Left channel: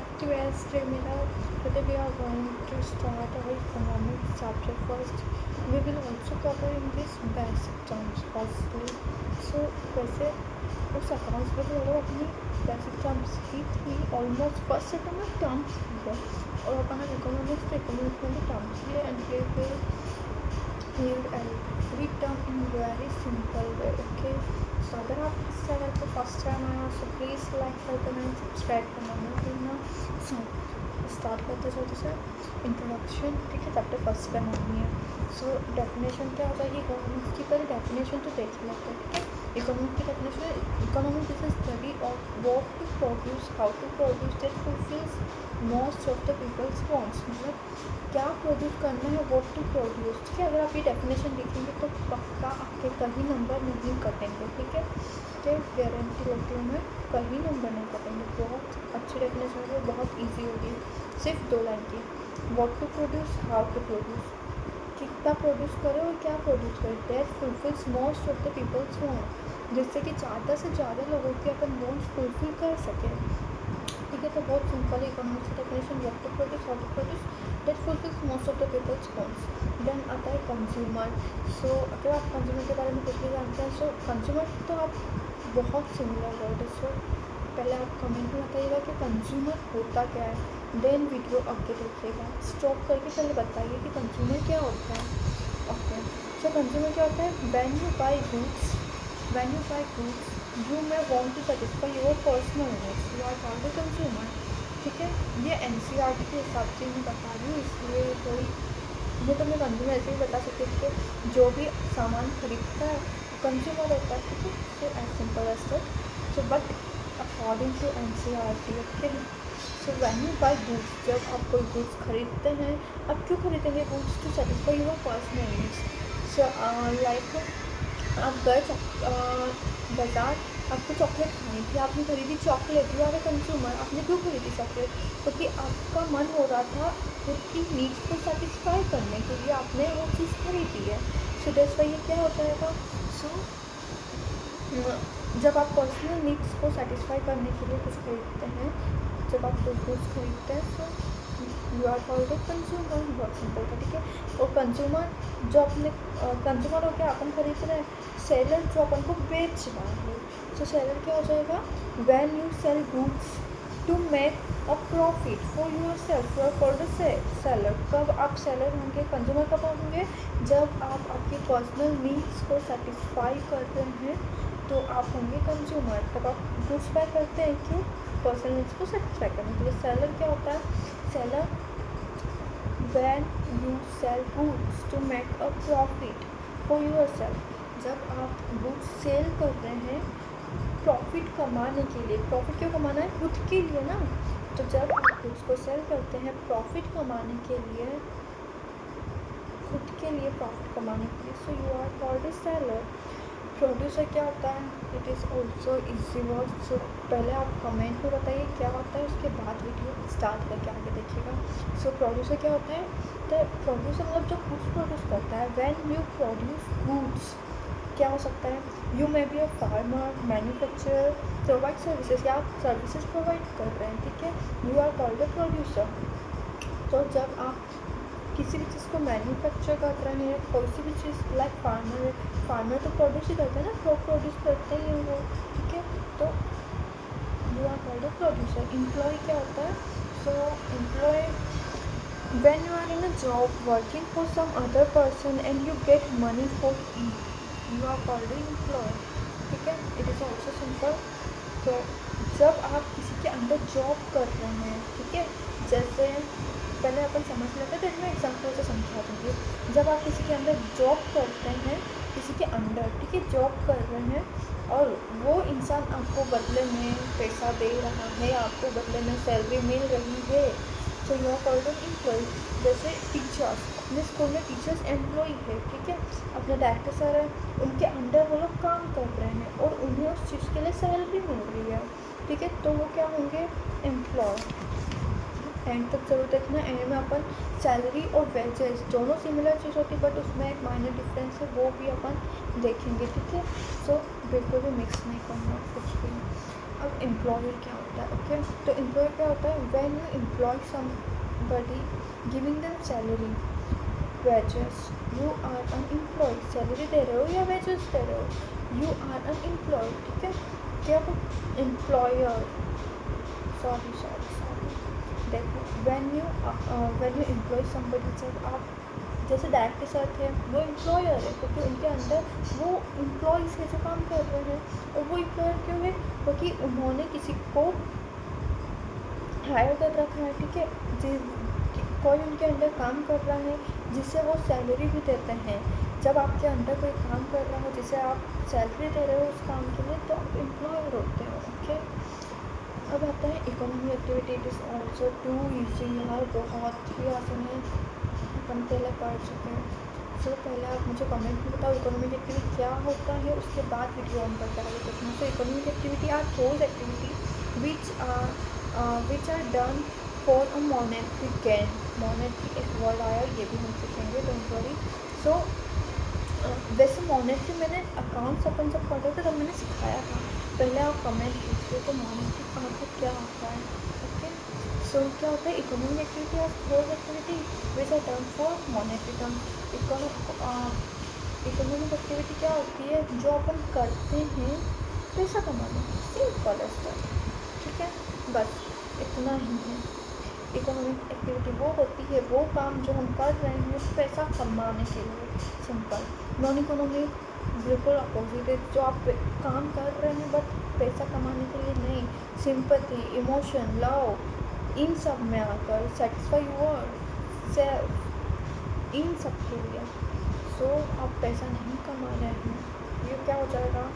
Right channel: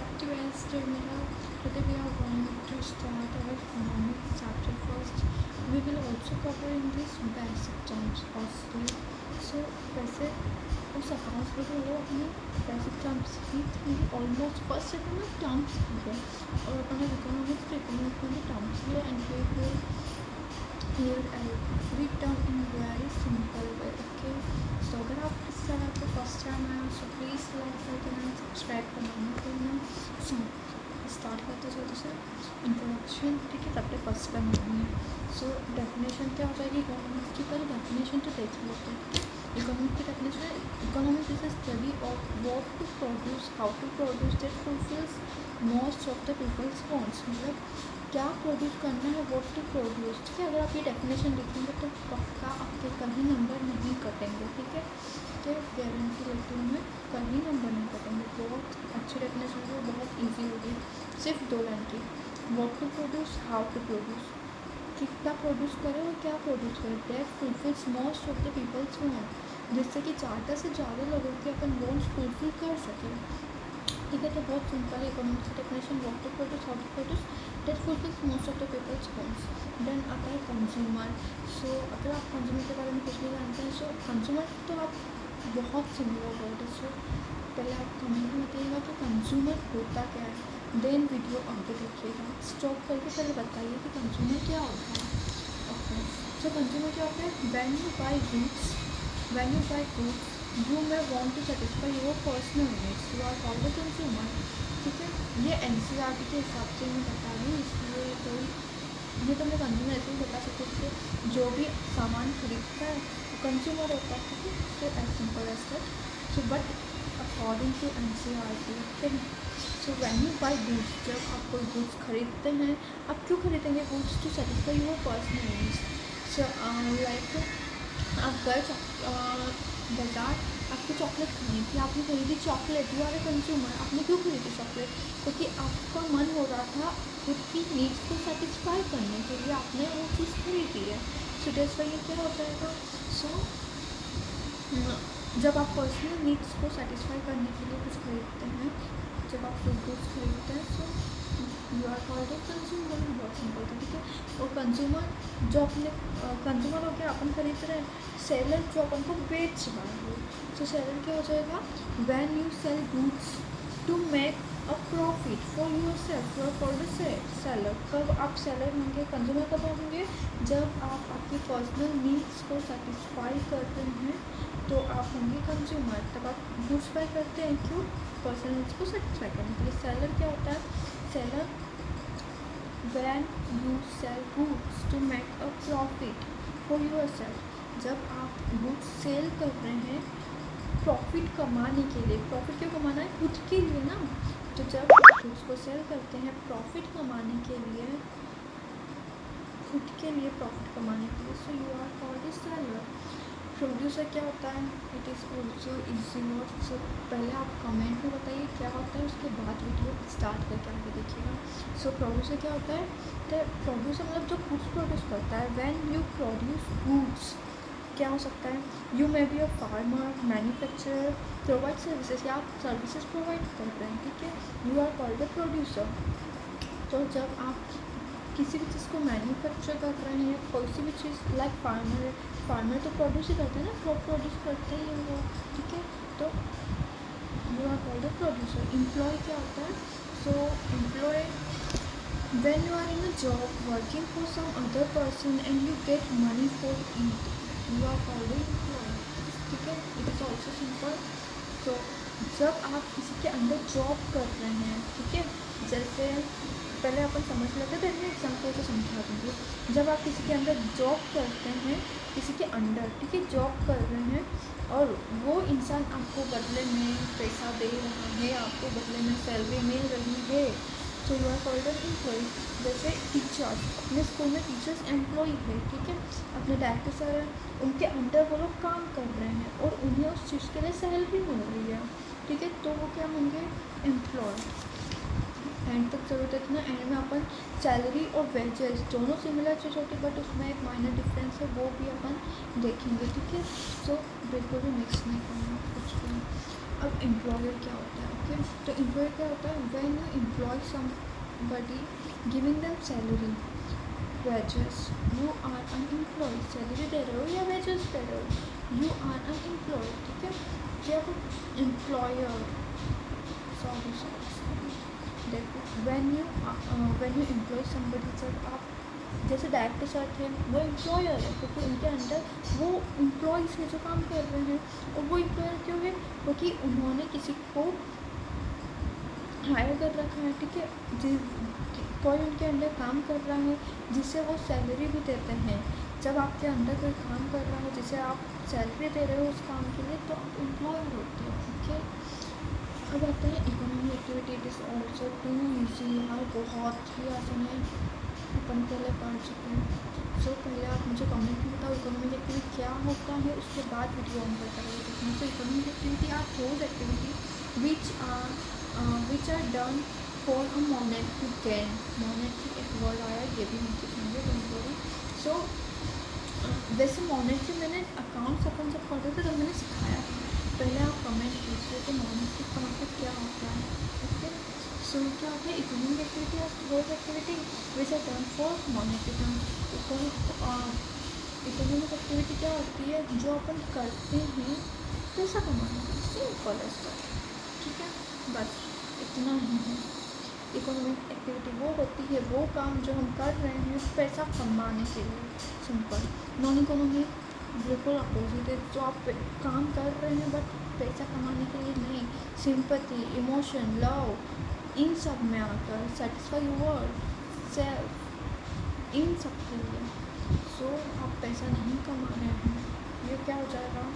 Active Mira. Today we are going to start our economics chapter first. We will also cover in this basic terms firstly. So वैसे उस accounts में तो लोग अपनी basic terms ही थी almost first second में terms ही है और अपन इकोनॉमिक्स में भी टर्म्स ही है and we will clear every term in very simple way. Okay, so अगर आप इस चैनल पे फर्स्ट टाइम आया so प्लीज़ लाइक कर देना एंड सब्सक्राइब करना मत भूलना. सो स्टार्ट करते चलते सर इंट्रोडक्शन. ठीक है, चैप्टर फर्स्ट का नाम ही है. सो डेफिनेशन क्या हो जाएगी इकोनॉमिक्स की. पहले डेफिनेशन तो देख लेते हैं. ठीक है, इकोनॉमिक की definition. Economic is the study of what to produce, how to produce that fulfils most of the people's wants. मतलब क्या प्रोड्यूस करना है, व्हाट टू प्रोड्यूस. ठीक है, अगर आप ये डेफिनेशन लिखेंगे तो पक्का आपके कहीं नंबर नहीं कटेंगे. ठीक है, तो गारंटी लेती हूँ मैं, कहीं नंबर नहीं कटेंगे. बहुत अच्छी डेफिनेशन है, बहुत इजी होगी. सिर्फ 2 लाइन की. What to produce, how to produce. कितना प्रोड्यूस करें और क्या प्रोड्यूस करें. That fulfils most of the people's want, जिससे कि ज़्यादा से ज़्यादा लोगों के अपन वांट्स फुलफिल कर सकें. ठीक है, तो बहुत सिंपल है इकोनॉमिक्स की definition. What to produce, how to produce, that fulfils most of the people's wants. Then आता है कंज्यूमर. सो अगर आप कंज्यूमर के बारे में कुछ भी जानते हैं, सो कंज्यूमर तो आप बहुत सिमिलर वर्ड है. सो पहले आप कमेंट में बताइएगा कि कंज्यूमर होता क्या है. देन वीडियो आगे देखिएगा, स्टॉप करके पहले बताइए कि कंज्यूमर क्या होता है. ओके, सो कंज्यूमर क्या होता है. When you buy goods you may want to satisfy your personal needs, you are called a consumer. ठीक है, ये NCERT के हिसाब से मैं बता रही हूँ, इसलिए कोई ये तो मैं कंज्यूमर ऐसे ही बता सकती हूँ कि जो भी सामान खरीदता है वो कंज्यूमर होता है. ठीक है, तो as simple as that. So but according to NCERT. Okay, so when you buy goods, जब आप कोई गुड्स खरीदते हैं, आप क्यों खरीदेंगे goods. To satisfy your personal needs. So like आप बाज़ार आपको चॉकलेट खानी थी, आपने खरीदी chocolate. You are a consumer. आपने क्यों खरीदी चॉकलेट, क्योंकि आपका मन हो रहा था खुद की नीड्स को सेटिस्फाई करने के लिए आपने वो चीज़ खरीदी है. सो दैट्स व्हाई ये क्या हो जाएगा. सो जब आप पर्सनल नीड्स को सेटिस्फाई करने के लिए कुछ खरीदते हैं, जब आप कोई गुड्स खरीदते हैं, so you are called a consumer. बहुत सिंपल था. ठीक है, और कंज्यूमर जो अपने कंज्यूमर हो गया, अपन खरीद रहे हैं. सेलर जो अपन को बेच रहा है, सो सेलर क्या हो जाएगा. When you sell goods to make a profit for yourself, you are called a seller. कब आप सेलर होंगे, कंज्यूमर कब होंगे, जब आप आपकी पर्सनल नीड्स को सेटिस्फाई कर रहे हैं तो आप होंगे कंज्यूमर. तब आप गुड्स बाय करते हैं, क्यों, पर्सनल नीड्स को सेटिस्फाई करने के लिए. सेलर क्या होता है. Seller when you sell goods to make a profit for yourself, जब आप गुड्स सेल कर रहे हैं प्रॉफिट कमाने के लिए. प्रॉफिट क्यों कमाना है, खुद के लिए ना. तो जब गुड्स को सेल करते हैं प्रॉफिट कमाने के लिए, खुद के लिए प्रॉफिट कमाने के लिए, so you are called a seller. Producer क्या होता है. It is also easy word. So पहले आप कमेंट में बताइए क्या होता है, उसके बाद वीडियो स्टार्ट करके आगे देखिएगा. सो प्रोड्यूसर क्या होता है. तो प्रोड्यूसर मतलब जो गुड्स प्रोड्यूस करता है. व्हेन यू प्रोड्यूस गुड्स क्या हो सकता है. You may be a farmer, manufacturer, provide services, या आप सर्विसेज प्रोवाइड कर रहे हैं. ठीक है, you are called a producer. तो जब आप किसी भी चीज़ को मैन्युफैक्चर कर रहे हैं, कोई सी भी चीज़, लाइक फार्मर तो प्रोड्यूस ही करते हैं ना, क्रॉप प्रोड्यूस करते ही हैं वो. ठीक है, तो you are called a producer. Employee क्या होता है. So employee when you are in a job working for some other person and you get money for it, you are called a employee. ठीक है, इट इज़ ऑल्सो सिंपल. तो जब आप किसी के अंडर जॉब कर रहे हैं, ठीक है, जैसे पहले अपन समझ लेते हैं, तो मैं एग्जाम्पल से समझा दूँगी. जब आप किसी के अंदर जॉब करते हैं, किसी के अंडर, ठीक है, जॉब कर रहे हैं, और वो इंसान आपको बदले में पैसा दे रहा है, आपको बदले में सैलरी मिल रही है, तो you are called an employee. जैसे टीचर्स, अपने स्कूल में टीचर्स एम्प्लॉय है. ठीक है, अपने डायरेक्टर सर है, उनके अंडर वो लोग काम कर रहे हैं और उन्हें उस चीज़ के लिए सैलरी मिल रही है. ठीक है, तो वो क्या होंगे, एम्प्लॉय. एंड तक जरूरत है ना, एंड में अपन सैलरी और वेजेस दोनों सिमिलर चीज़ होती है, बट उसमें एक माइनर डिफरेंस है, वो भी अपन देखेंगे. ठीक है, सो बिल्कुल भी मिक्स नहीं करना कुछ भी. अब एम्प्लॉयर क्या होता है? ओके, तो एम्प्लॉयर क्या होता है? When you employ somebody giving them salary, wages, you are an employer. Salary दे रहे हो या वेजेस दे रहे हो, यू आर अन एम्प्लॉय। ठीक है, क्या वो एम्प्लॉयर, सॉरी देखो, व्हेन यू एम्प्लॉय समबडी, जब आप जैसे डायरेक्टर सर थे, वो एम्प्लॉयर है क्योंकि उनके अंडर वो एम्प्लॉयज़ है जो काम कर रहे हैं। और वो एम्प्लॉयर क्यों है? क्योंकि उन्होंने किसी को हायर कर रखा है। ठीक है, कोई उनके अंडर काम कर रहा है जिससे वो सैलरी भी देते हैं। जब आपके अंदर कोई काम कर रहा हो जिसे आप सैलरी दे रहे हो उस काम के लिए, तो आप एम्प्लॉयर होते हो। ओके, अब आता है economic activity. It is also too easy. यार बहुत ही आसान है, अपन पहले पढ़ चुके हैं। सो पहले आप मुझे कमेंट में बताओ इकोनॉमिक एक्टिविटी क्या होता है, उसके बाद वीडियो ऑन करता है देखना। So economic activity are those activity which are done for a monetary gain. Monetary एक वर्ड आया, ये भी हम सीखेंगे, डोंट वरी। सो वैसे मॉनेटरी मैंने अकाउंट्स अपन जब पढ़ रहे थे तब मैंने सिखाया था। पहले आप कमेंट कीजिए तो मॉनेटरी कहाँ पे क्या होता है। ओके, सो क्या होता है? इकोनॉमिक एक्टिविटी और third activity which are done for monetary term. Economic activity क्या होती है? जो अपन करते हैं पैसा कमाने की, सिंपल है। ठीक है, बस इतना ही है। इकोनॉमिक एक्टिविटी वो होती है, वो काम जो हम कर रहे हैं पैसा कमाने के लिए, सिंपल। नॉन इकोनॉमिक बिल्कुल अपोजिट है, जो आप काम कर रहे हैं बट पैसा कमाने के लिए नहीं। सिंपैथी, इमोशन, लव, इन सब में आकर सेटिस्फाई योर सेल्फ, इन सब के लिए। सो आप पैसा नहीं कमा रहे हैं, ये क्या हो जाएगा?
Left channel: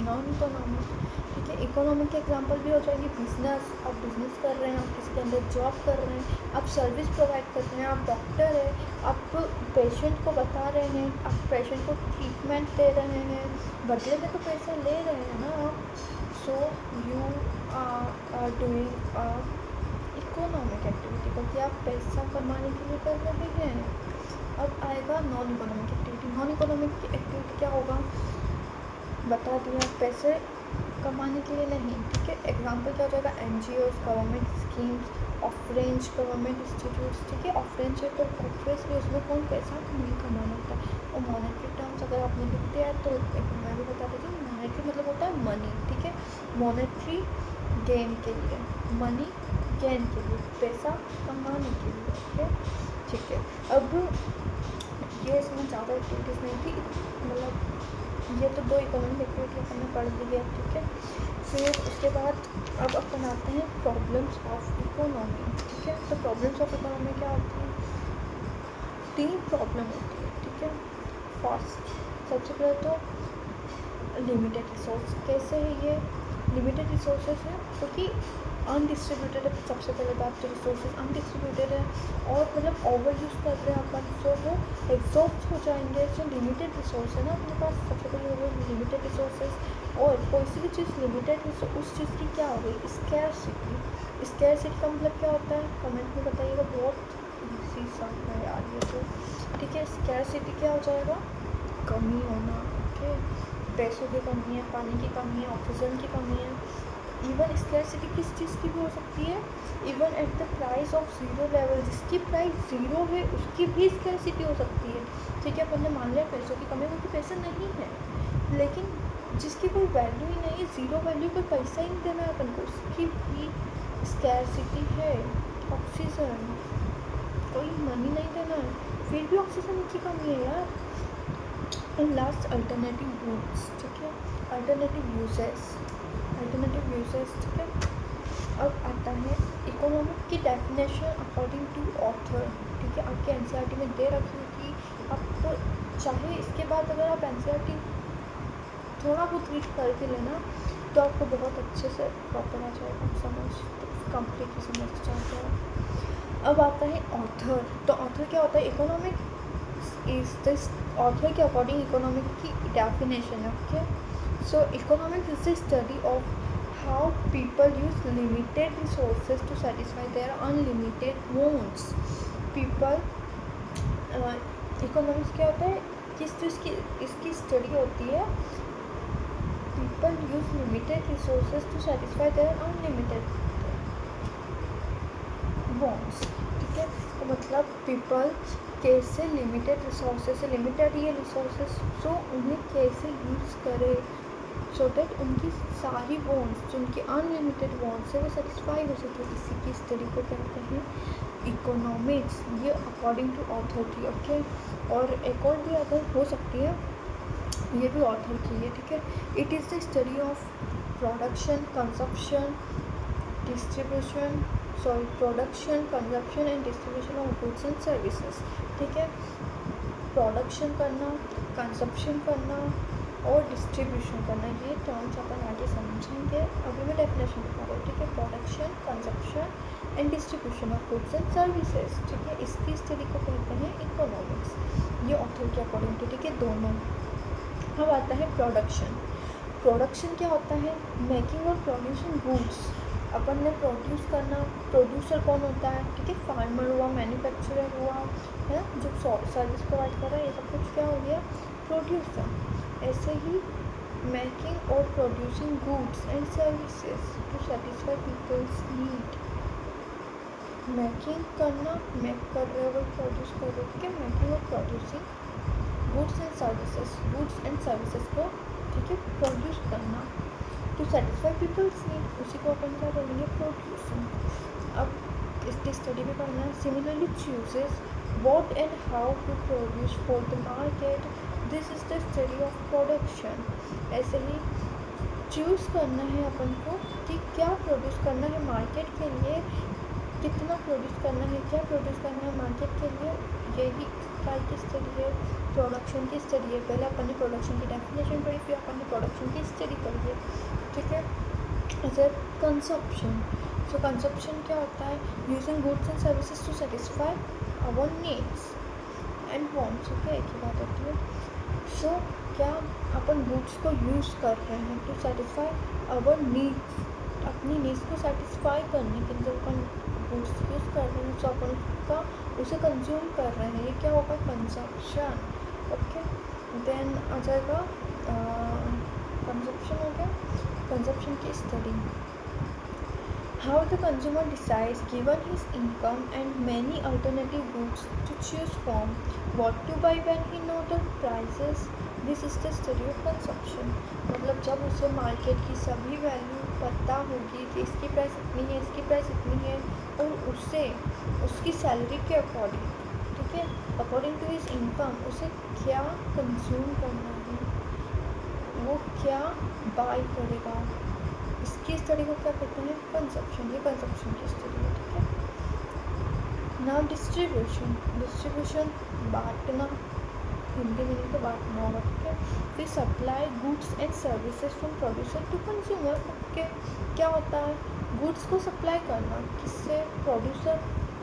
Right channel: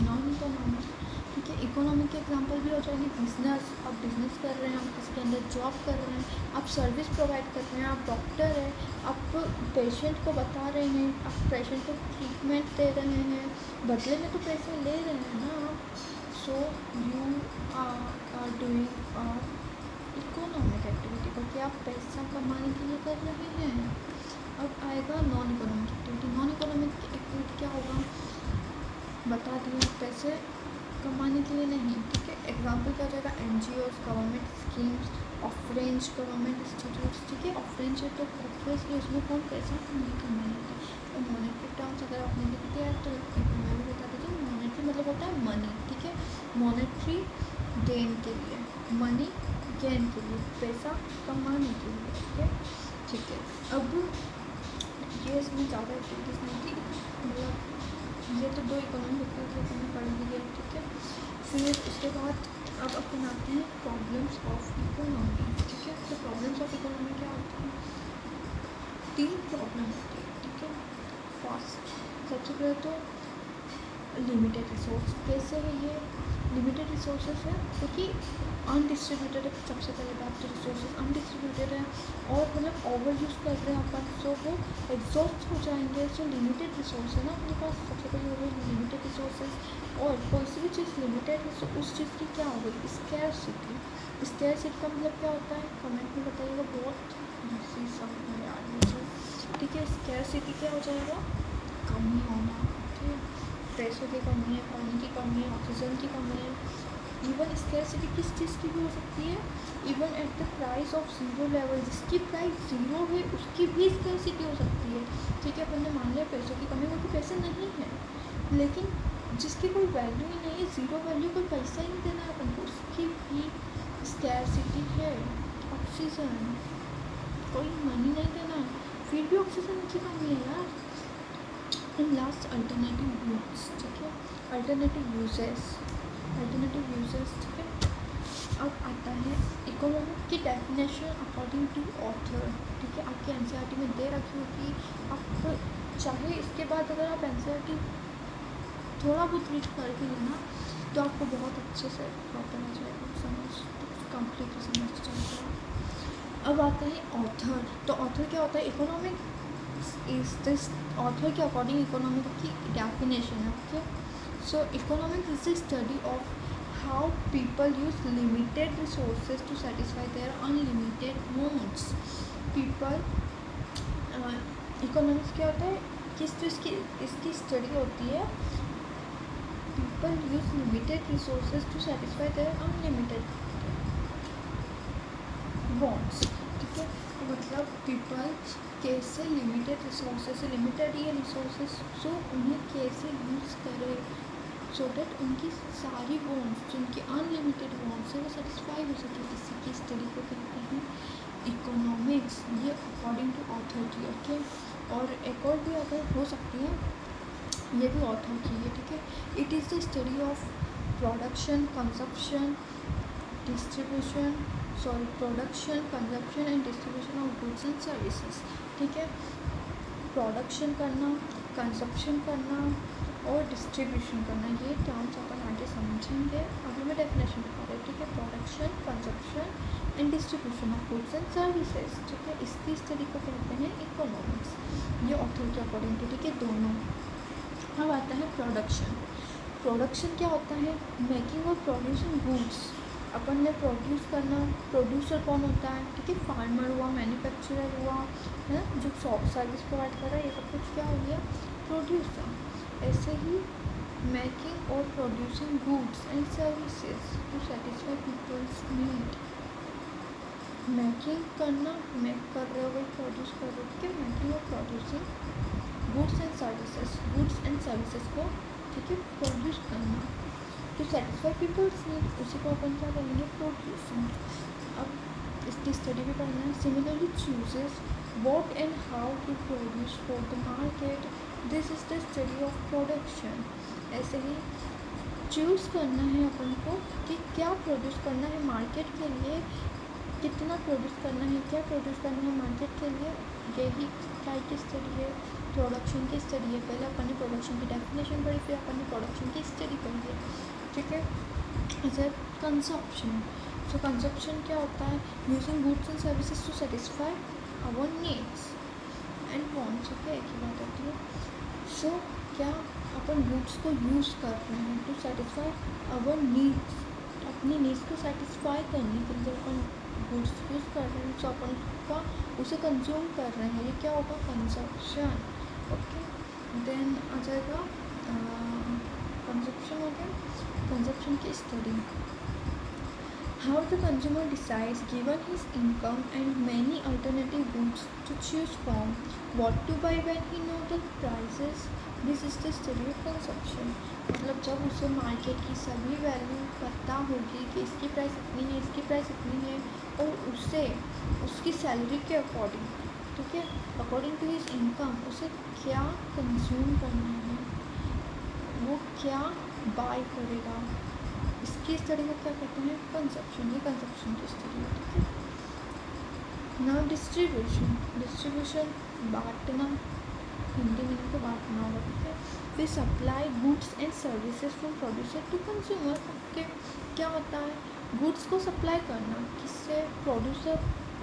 Non economic. ठीक है, इकोनॉमिक के एग्जांपल भी हो जाएंगे बिजनेस। आप बिजनेस कर रहे हैं, आप किसी के अंदर जॉब कर रहे हैं, आप सर्विस प्रोवाइड कर रहे हैं, आप डॉक्टर है, आप पेशेंट को बता रहे हैं, आप पेशेंट को ट्रीटमेंट दे रहे हैं, बदले में तो पैसा ले रहे हैं ना आप। So you are doing economic activity, क्योंकि आप पैसा कमाने के लिए कर रहे हैं। अब आएगा non economic activity. Non economic activity क्या होगा? बता दिया, पैसे कमाने के लिए नहीं। ठीक है, एग्जांपल क्या हो जाएगा? NGOs, government schemes, of range government institutes. ठीक है, ऑफ रेंज है तो ऑब्वियसली उसमें कौन पैसा नहीं कमाना होता है। और मॉनेटरी टर्म्स अगर आपने लिख दिया है तो मैं भी बता देती हूँ। मॉनेटरी मतलब होता है मनी। ठीक है, मॉनेटरी गेन के लिए, मनी गेन के लिए, पैसा कमाने के लिए। ठीक है, अब ये इसमें ज़्यादा एक्टिविटीज़ नहीं थी, मतलब ये तो दो इकोनॉमिक एक्टिविटी अपन ने पढ़ ली है। ठीक है, फिर उसके बाद अब अपन आते हैं प्रॉब्लम्स ऑफ इकोनॉमी। ठीक है, तो प्रॉब्लम्स ऑफ इकोनॉमी क्या होती है? 3 प्रॉब्लम होती है। ठीक है, फर्स्ट, सबसे पहले तो लिमिटेड रिसोर्स। कैसे है ये? लिमिटेड रिसोर्सेज है क्योंकि अनडिस्ट्रीब्यूटेड है। सबसे पहले बात तो रिसोर्सेज अनडिस्ट्रीब्यूटेड है और मतलब ओवर यूज़ कर रहे हैं अपन, सो वो एग्जॉस्ट हो जाएंगे। जो लिमिटेड रिसोर्स है ना अपने पास, सबसे पहले हो गई लिमिटेड रिसोर्सेज। और कोई सी भी चीज़ लिमिटेड है तो उस चीज़ की क्या हो गई? स्कैरसिटी। स्कैरसिटी का मतलब क्या होता है? कमेंट में बताइएगा, बहुत इजी सब है यार ये तो। ठीक है, स्कैरसिटी क्या हो जाएगा? कमी होना। ओके, पैसों की कमी है, पानी की कमी है, ऑक्सीजन की कमी है। इवन स्कैरसिटी किस चीज़ की भी हो सकती है? Even at the price of zero level, जिसकी प्राइस ज़ीरो है उसकी भी स्कैरसिटी हो सकती है। ठीक है, अपन ने मान लिया पैसों की कमी, क्योंकि पैसे नहीं है, लेकिन जिसकी कोई वैल्यू ही नहीं है, ज़ीरो वैल्यू, कोई पैसा ही नहीं देना है अपन को, उसकी भी स्कैरसिटी है। ऑक्सीजन, कोई मनी नहीं देना है, फिर भी ऑक्सीजन की कमी है यार। And last, alternative use. ठीक है, अल्टरनेटिव यूजेस, अल्टरनेटिव यूजेस। ठीक है, अब आता है इकोनॉमिक की डेफिनेशन अकॉर्डिंग टू ऑथर। ठीक है, आपके NCERT में दे रखी होगी, आप चाहे इसके बाद अगर आप NCERT थोड़ा बहुत रीड कर भी लेना तो आपको बहुत अच्छे से प्रॉपर आ जाएगा, समझ कंप्लीटली समझ जाएगा। अब आता है ऑथर। तो ऑथर क्या होता है? इकोनॉमिक इज दिस, ऑथर के अकॉर्डिंग इकोनॉमिक की डेफिनेशन है। Okay, so economics is the study of how people use limited resources to satisfy their unlimited wants. People economics क्या होता है? किस चीज़ की इसकी स्टडी होती है? people use limited resources to satisfy their unlimited wants. ठीक है, तो मतलब पीपल्स कैसे लिमिटेड रिसोर्सेज से लिमिटेड ये रिसोर्सेज सो उन्हें कैसे यूज़ करे सो डैट उनकी सारी वॉन्ट्स जो उनकी अनलिमिटेड वॉन्ट्स है वो सेटिस्फाई हो सके। इसी की स्टडी को कहते हैं इकोनॉमिक्स, ये अकॉर्डिंग टू ऑथर थी। ओके, और एक और भी अगर हो सकती है, ये भी ऑथर की है। ठीक है, it is the study of production, consumption, distribution production, consumption and distribution of goods and services. ठीक है, प्रोडक्शन करना, कंजप्शन करना और डिस्ट्रीब्यूशन करना, ये टर्म्स अपन आगे समझेंगे। अभी मैं डेफिनेशन बता रही हूँ। ठीक है, production, consumption and distribution of goods and services. ठीक है, इसकी स्टडी को कहते हैं इकोनॉमिक्स, ये ऑथर के अकॉर्डिंग। ठीक है, दोनों। अब आता है प्रोडक्शन। प्रोडक्शन क्या होता है? मेकिंग और प्रोड्यूसिंग गुड्स। अपन ने प्रोड्यूस करना, प्रोड्यूसर कौन होता है? ठीक है, फार्मर हुआ, मैन्युफैक्चरर हुआ, है ना, जो सर्विस प्रोवाइड कर रहा है, ये सब कुछ क्या हो गया? प्रोड्यूसर। ऐसे ही मेकिंग और producing goods and services to satisfy people's need. Making करना, मेक कर रहे हो, वही प्रोड्यूस कर रहे हो। ठीक है, मेकिंग और producing goods and services, goods and services को, ठीक है, प्रोड्यूस करना टू सेटिस्फाई पीपल्स नीड, उसी को अपन क्या बोलेंगे? प्रोड्यूसिंग। अब इसकी स्टडी भी करना है। Similarly chooses what and how to produce for the market, this is the study of production. ऐसे ही चूज़ करना है अपन को कि क्या प्रोड्यूस करना है मार्केट के लिए, कितना प्रोड्यूस करना है, क्या प्रोड्यूस करना है मार्केट के लिए, यही टाइप की स्टडी है, प्रोडक्शन की स्टडी है। पहले अपन ने प्रोडक्शन की डेफिनेशन पढ़ी, फिर अपन ने प्रोडक्शन की स्टडी पढ़ी है। ठीक है, इसे कंजप्शन। सो कंजप्शन क्या होता है? Using goods and services to satisfy our needs and wants. Okay, एक ही बात होती है। सो क्या अपन गुड्स को यूज़ कर रहे हैं टू सेटिस्फाई आवर नीड्स, अपनी नीड्स को सेटिस्फाई करने के लिए जब अपन गुड्स यूज़ कर रहे हैं तो अपन उसका उसे कंज्यूम कर रहे हैं, ये क्या होगा? कंजप्शन। ओके, देन आ जाएगा कंजप्शन हो गया। कंजप्शन की study, how the consumer decides given his income and many alternative goods to choose from, what to buy when he know the prices, this is the study of consumption. मतलब जब उसे market की सभी value पता होगी कि इसकी price इतनी है, इसकी प्राइस इतनी है, और उसे उसकी सैलरी के अकॉर्डिंग, ठीक है, अकॉर्डिंग टू हिज इनकम उसे क्या कंज्यूम करना है, वो क्या बाय करेगा, इसकी स्टडी को क्या कहते हैं? कंजप्शन। ये कंजप्शन की स्टडी है। ठीक है, नाउ डिस्ट्रीब्यूशन। डिस्ट्रीब्यूशन बांटना, हिंदी मीनिंग तो बांटना होगा। ठीक है, फिर supply goods and services from producer to consumer. Okay, क्या होता है? गुड्स को सप्लाई करना, किससे? प्रोड्यूसर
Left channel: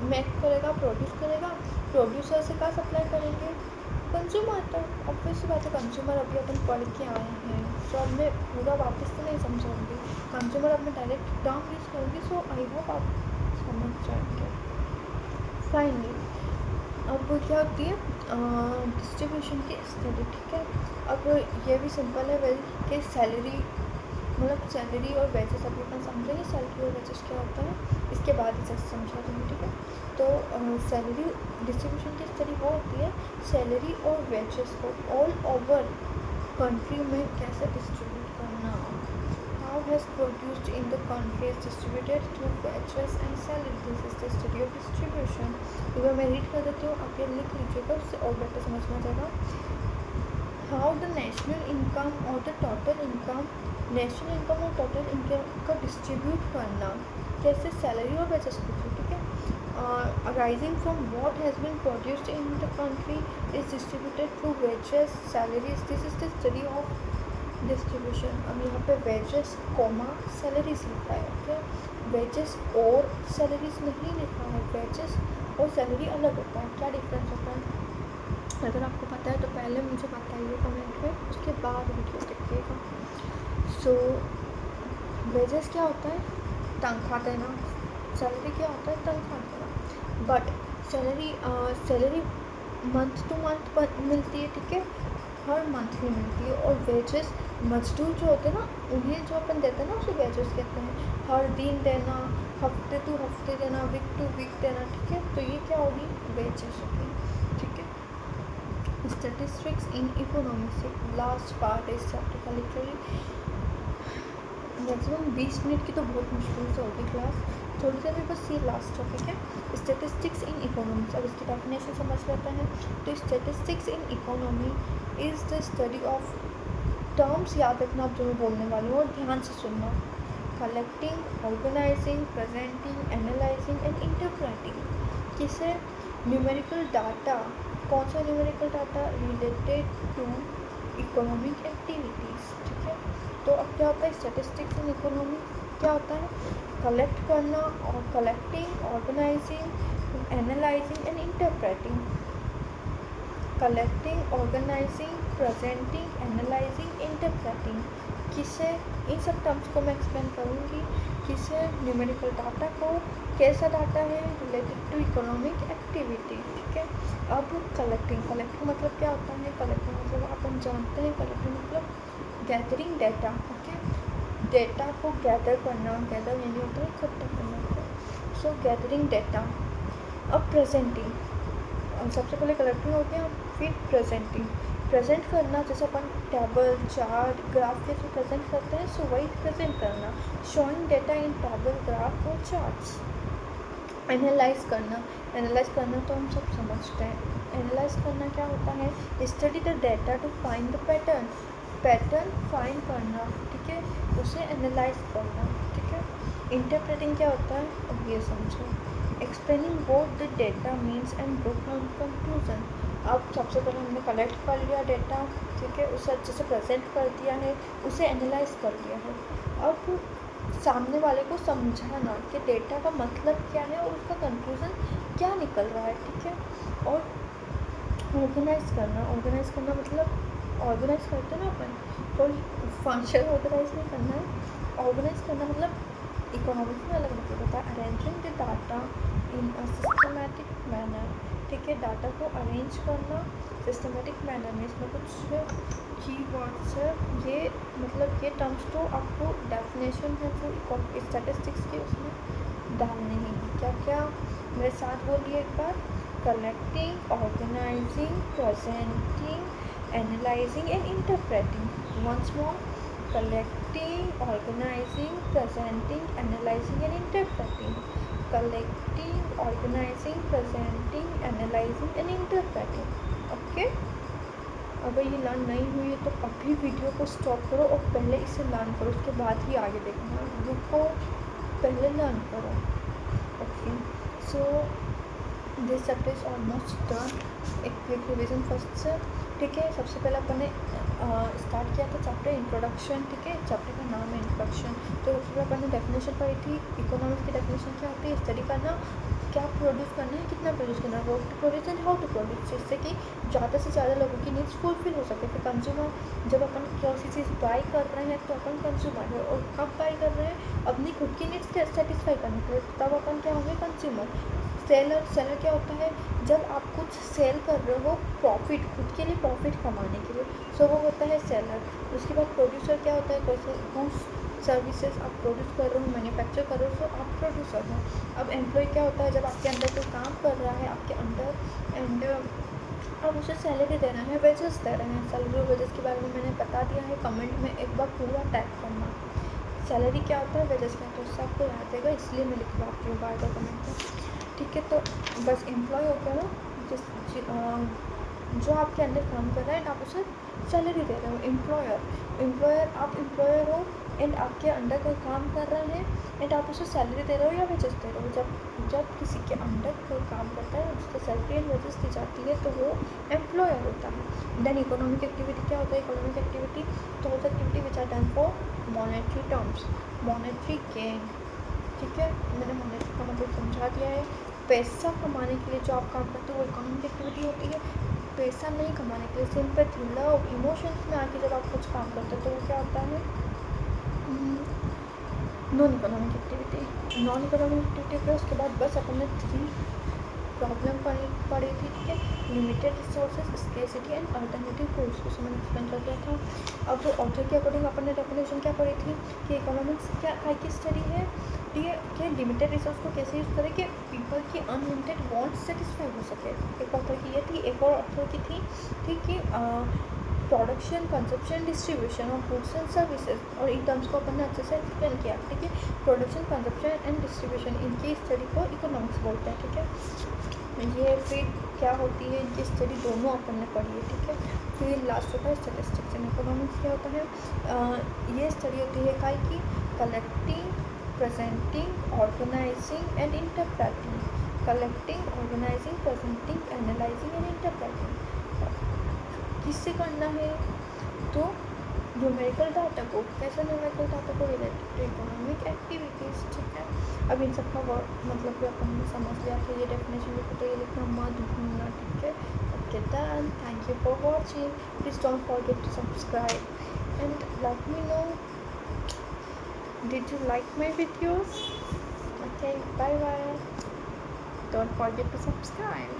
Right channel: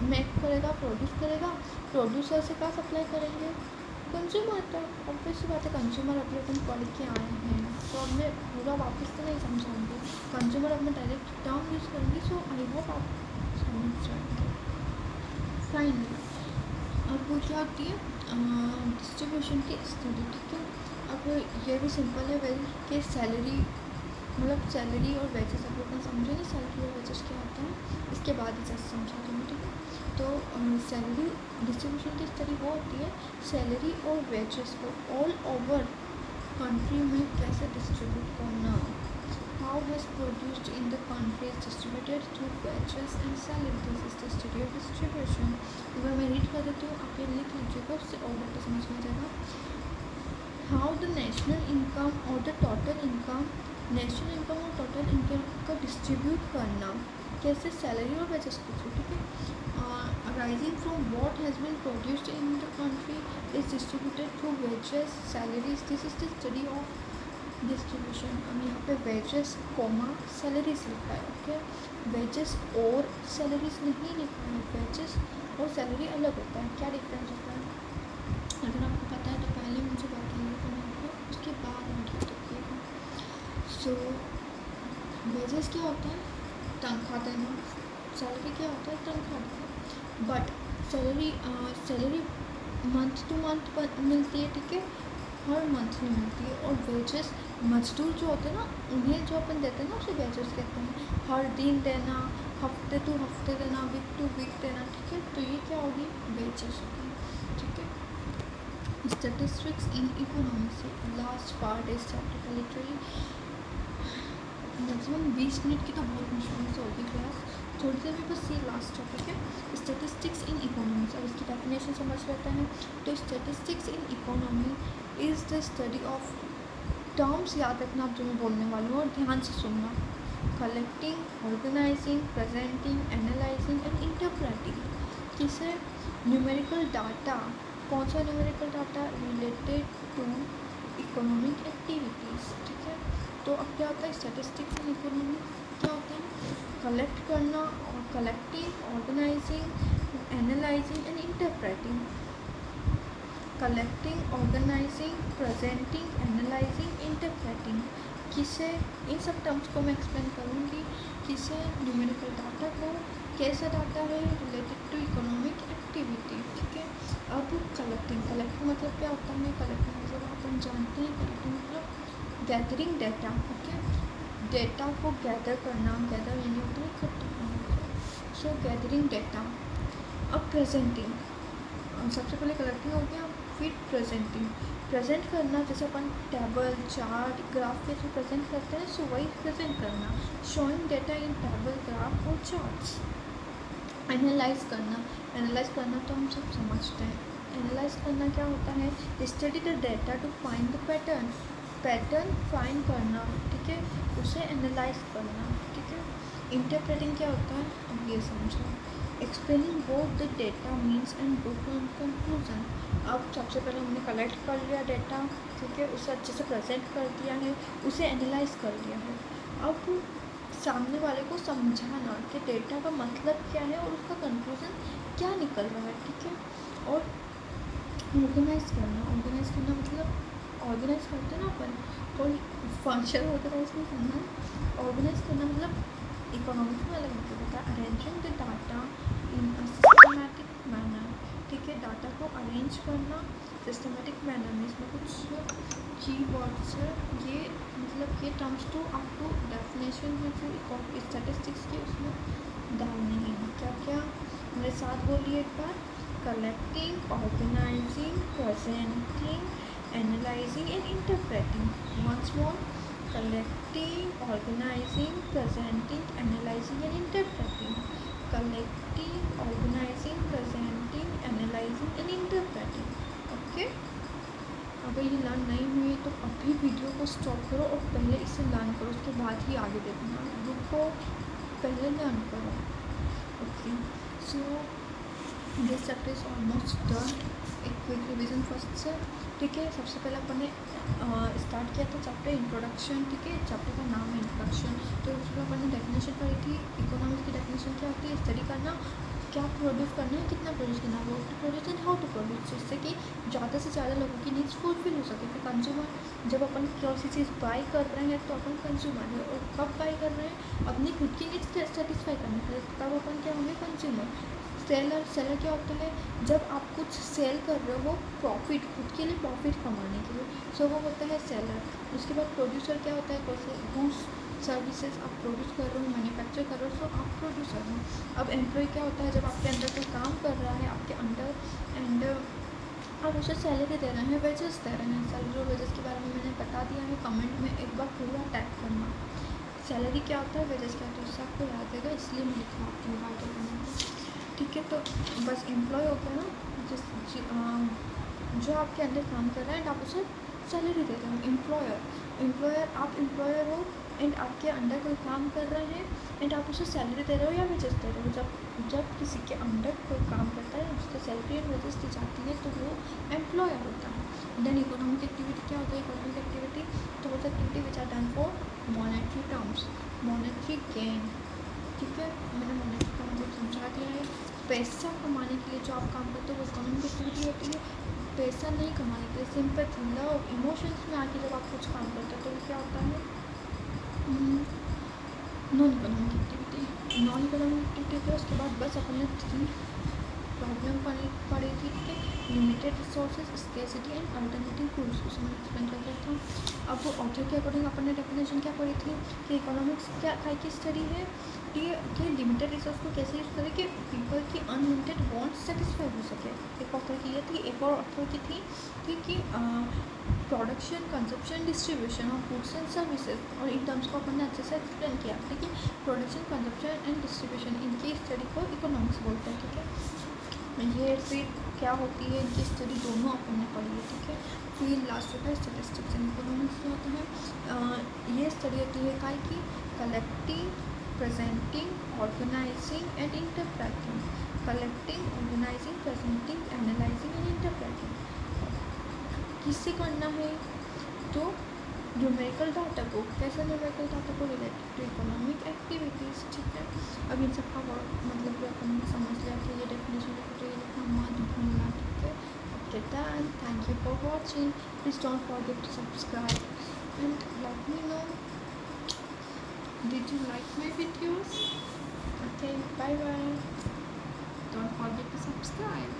मेक करेगा, प्रोड्यूस करेगा, प्रोड्यूसर से क्या सप्लाई करेंगे? कंज्यूमर तक। ऑब्वियस बात है, कंज्यूमर अभी अपन पढ़ के आए हैं, तो अब मैं पूरा वापस तो नहीं समझाऊंगी। कंज्यूमर अब मैं डायरेक्ट टर्म यूज़ करूँगी, सो आई होप आप समझ जाएंगे। फाइनली अब क्या होती है? डिस्ट्रीब्यूशन की स्टडी। ठीक है, अब ये भी सिंपल है वेल कि सैलरी, मतलब सैलरी और वेजेस अभी अपन समझेंगे, सैलरी और वेजेस क्या होता है, इसके बाद इसे समझा दूँगी। ठीक है, तो सैलरी डिस्ट्रीब्यूशन की स्टडी वो होती है सैलरी और वेजेस को ऑल ओवर कंट्री में कैसे डिस्ट्रीब्यूट करना। How has produced in the country is distributed through wages and salary, this is the study of distribution. अगर मैं रीड कर देती हूँ, आप ये लिख लीजिएगा, उससे और बेटर समझ में आ जाएगा। हाउ द नेशनल इनकम और the total income, national income और टोटल इनकम को डिस्ट्रीब्यूट करना कैसे? सैलरी और वेजेस के थ्रू। ठीक है, arising from what has been produced in the country is distributed through wages, salaries. This is the study of distribution. अब यहाँ पे wages कॉमा salaries लिखा है। ओके, wages और salaries नहीं लिखा है, wages और salary अलग होता है। क्या डिफरेंस होता है? अगर आपको पता है तो पहले मुझे बताइए कमेंट में, उसके बाद वीडियो देखिएगा। सो wages क्या होता है? तनख्वाह देना। सैलरी क्या होता है? तनख्वाह देना। But salary month two month मिलती है। ठीक है, हर मंथ नहीं मिलती है। और मजदूर जो होते हैं ना, उन्हें जो अपन देते हैं ना उसे वेजेस कहते हैं। हर दिन देना, हफ्ते टू हफ्ते देना, वीक टू वीक देना, ठीक है। तो ये क्या होगी, वेजेस होगी, ठीक है। स्टैटिस्टिक्स इन इकोनॉमिक्स से लास्ट पार्ट इस चैप्टर का। लिटरली मैक्सिमम 20 मिनट की तो बहुत मुश्किल से होगी क्लास, थोड़ी देर में बस ये लास्ट टॉपिक है, स्टैटिस्टिक्स इन इकोनॉमिक्स। अब इसकी डेफिनेशन समझ लेते हैं। तो statistics in economy is the study of, terms याद रखना आप जो मैं बोलने वाली हूँ और ध्यान से सुनना। Collecting, organising, presenting, analysing and interpreting. किसे, न्यूमेरिकल डाटा। कौन सा numerical data, related to economic activities, ठीक है। तो अब क्या होता है स्टैटिस्टिक्स इन इकोनॉमी, क्या होता है, कलेक्ट करना और collecting, organizing, analyzing and interpreting. Collecting, organising, presenting, analyzing, interpreting. किसे, इन सब टर्म्स को मैं एक्सप्लेन करूँगी। किसे, न्यूमेरिकल डाटा को, कैसा डाटा है, रिलेटेड टू इकोनॉमिक एक्टिविटी, ठीक है। अब कलेक्टिंग, कलेक्टिंग मतलब क्या होता है, कलेक्टिंग मतलब अपन जानते हैं, कलेक्टिंग मतलब गैदरिंग डेटा, ओके। डेटा को गैदर करना, गैदर यानी होता है इकट्ठा करना, सो गैदरिंग डेटा। अब प्रेजेंटिंग, सबसे पहले कलेक्टिंग हो गया, फिर प्रेजेंटिंग। प्रेजेंट करना, जैसे अपन टेबल, चार्ट, ग्राफ के थ्रू प्रेजेंट करते हैं, सो वही प्रेजेंट करना, शोइंग डेटा इन टेबल, ग्राफ और चार्ट्स। एनालाइज करना, एनालाइज करना तो हम सब समझते हैं। एनालाइज करना क्या होता है, study the data to find the pattern, pattern find करना, ठीक है, उसे एनालाइज करना, ठीक है। इंटरप्रेटिंग क्या होता है, अब ये समझो। Explaining what the data means and draw conclusion. अब सबसे पहले हमने कलेक्ट कर लिया डेटा, ठीक है, उसे अच्छे से प्रेजेंट कर दिया है, उसे एनालाइज कर लिया है। अब सामने वाले को समझाना कि डेटा का मतलब क्या है और उसका कंक्लूजन क्या निकल रहा है, ठीक है। और ऑर्गेनाइज करना, ऑर्गेनाइज करना मतलब ऑर्गेनाइज करते हैं ना अपन, कोई फंक्शन ऑर्गेनाइज नहीं करना है। ऑर्गेनाइज करना मतलब इकोनॉमिक्स में अलग मतलब होता है, arranging the data in a systematic manner, ठीक है। डाटा को अरेंज करना सिस्टमेटिक मैनर में, इसमें कुछ कीवर्ड्स है, ये मतलब ये टर्म्स तो आपको डेफिनेशन है जो स्टैटिस्टिक्स की उसमें डालने ही हैं। क्या क्या मेरे साथ बोलिए एक बार, collecting, organising, presenting, analysing and interpreting. Once more, collecting, organizing, presenting, analyzing and interpreting. Collecting, organizing, presenting, analyzing and interpreting. Okay, अगर ये लर्न नहीं हुई है तो अभी वीडियो को स्टॉप करो और पहले इसे लर्न करो, उसके बाद ही आगे देखना। रुको, पहले लर्न करो। Okay, so this chapter is almost done. एक क्विक रिविजन फर्स्ट से, ठीक है। सबसे पहले अपन ने स्टार्ट किया था चैप्टर इंट्रोडक्शन, ठीक है। चैप्टर का नाम है इंट्रोडक्शन। तो सबसे पहले अपन ने डेफिनेशन पढ़ी थी। इकोनॉमिक्स की डेफिनेशन क्या होती है, स्टडी करना, क्या प्रोड्यूस करना है, कितना प्रोड्यूस करना है, वो to produce and how to produce, जिससे कि ज़्यादा से ज़्यादा लोगों की नीड्स फुलफिल हो सके। फिर कंज्यूमर, जब अपन किसी चीज़ बाई कर रहे हैं तो अपन कंज्यूमर है, और कब बाई कर रहे हैं, अपनी खुद की नीड्स सेटिस्फाई करने के लिए, तब अपन क्या होंगे, कंज्यूमर। सेलर, सेलर क्या होता है, जब आप कुछ सेल कर रहे हो प्रॉफिट, खुद के लिए प्रॉफिट कमाने के लिए, सो वो होता है सेलर। उसके बाद प्रोड्यूसर क्या होता है, कैसे गुड्स सर्विसेज आप प्रोड्यूस कर रहे हो, मैन्युफैक्चर कर रहे हो, सो आप प्रोड्यूसर हो। अब एम्प्लॉय क्या होता है, जब आपके अंदर कोई काम कर रहा है आपके अंडर एंड आप उसे सैलरी दे रहे हैं, वेजेस दे रहे हैं। सैलरी और वेजेस के बारे में मैंने बता दिया है, कमेंट में एक बार पूरा टैग करना। सैलरी क्या होता है, वेजेस क्या होता है, उससे आपको याद देगा, इसलिए मैं लिखवाती हूँ बार बार कमेंट में, ठीक है। तो बस एम्प्लॉय हो गया ना, जो आपके अंदर काम कर रहा है एंड आप उसे सैलरी दे रहे हो। एम्प्लॉयर, एम्प्लॉयर आप एम्प्लॉयर हो एंड आपके अंडर कोई काम कर रहे हैं एंड आप उसे सैलरी दे रहे हो या वेजेस दे रहे हो। जब किसी के अंडर कोई काम करता है उसको सैलरी एंड वेजेस दी जाती है, तो वो एम्प्लॉयर होता है। देन इकोनॉमिक एक्टिविटी क्या होता है, इकोनॉमिक एक्टिविटी तो activity which are done for monetary terms, monetary gain, ठीक है। मैंने मॉनेटरी का मतलब समझा दिया है। पैसा कमाने के लिए जो आप काम करते हो वो इकोनॉमिक एक्टिविटी होती है। पैसा नहीं कमाने के लिए, सिंपैथी, लव, इमोशंस में आके जब आप कुछ काम करते हो तो वो क्या होता है, non economic activity. Non economic activity के उसके बाद बस अपन ने 3 प्रॉब्लम पड़ी थी, ठीक है, limited resources, scarcity and alternative tools, उसे मैंने एक्सप्लेन कर दिया था। अब ऑथर के अकॉर्डिंग अपन ने डेफिनेशन क्या पढ़ी थी कि इकोनॉमिक्स क्या टाइप की स्टडी है, ठीक है, कि लिमिटेड रिसोर्स को कैसे यूज़ करें कि पीपल की अनलिमिटेड वांट्स सेटिस्फाई हो सके। एक ऑथर की ये थी, एक और ऑथर की थी, ठीक, कि production, consumption, distribution of goods and services, और इन टर्म्स को अपन ने अच्छे से एक्सप्लेन किया, ठीक है। प्रोडक्शन, कंजप्शन एंड डिस्ट्रीब्यूशन, इनकी स्टडी को इकोनॉमिक्स बोलते हैं, ठीक है। ये फिर क्या होती है, इनकी स्टडी दोनों अपन ने पढ़ी है, ठीक है। फिर लास्ट होता है स्टैटिस्टिक्स एंड इकोनॉमिक्स। क्या होता है, ये स्टडी होती है काय की, collecting, presenting, organizing and interpreting, collecting, organising, presenting, analysing and interpreting. किससे करना है, तो न्यूमेरिकल डाटा को, कैसे न्यूमेरिकल डाटा को रिलेटेड टू इकोनॉमिक एक्टिविटीज़, ठीक है। अब इन सब का मतलब भी अपन ने समझ लिया कि ये डेफिनेशन लिखो तो ये लिखना मत भूलना, ठीक है। Okay done, thank you for watching, please don't forget to subscribe and let me know did you like my videos. Okay, bye bye, don't forget to subscribe.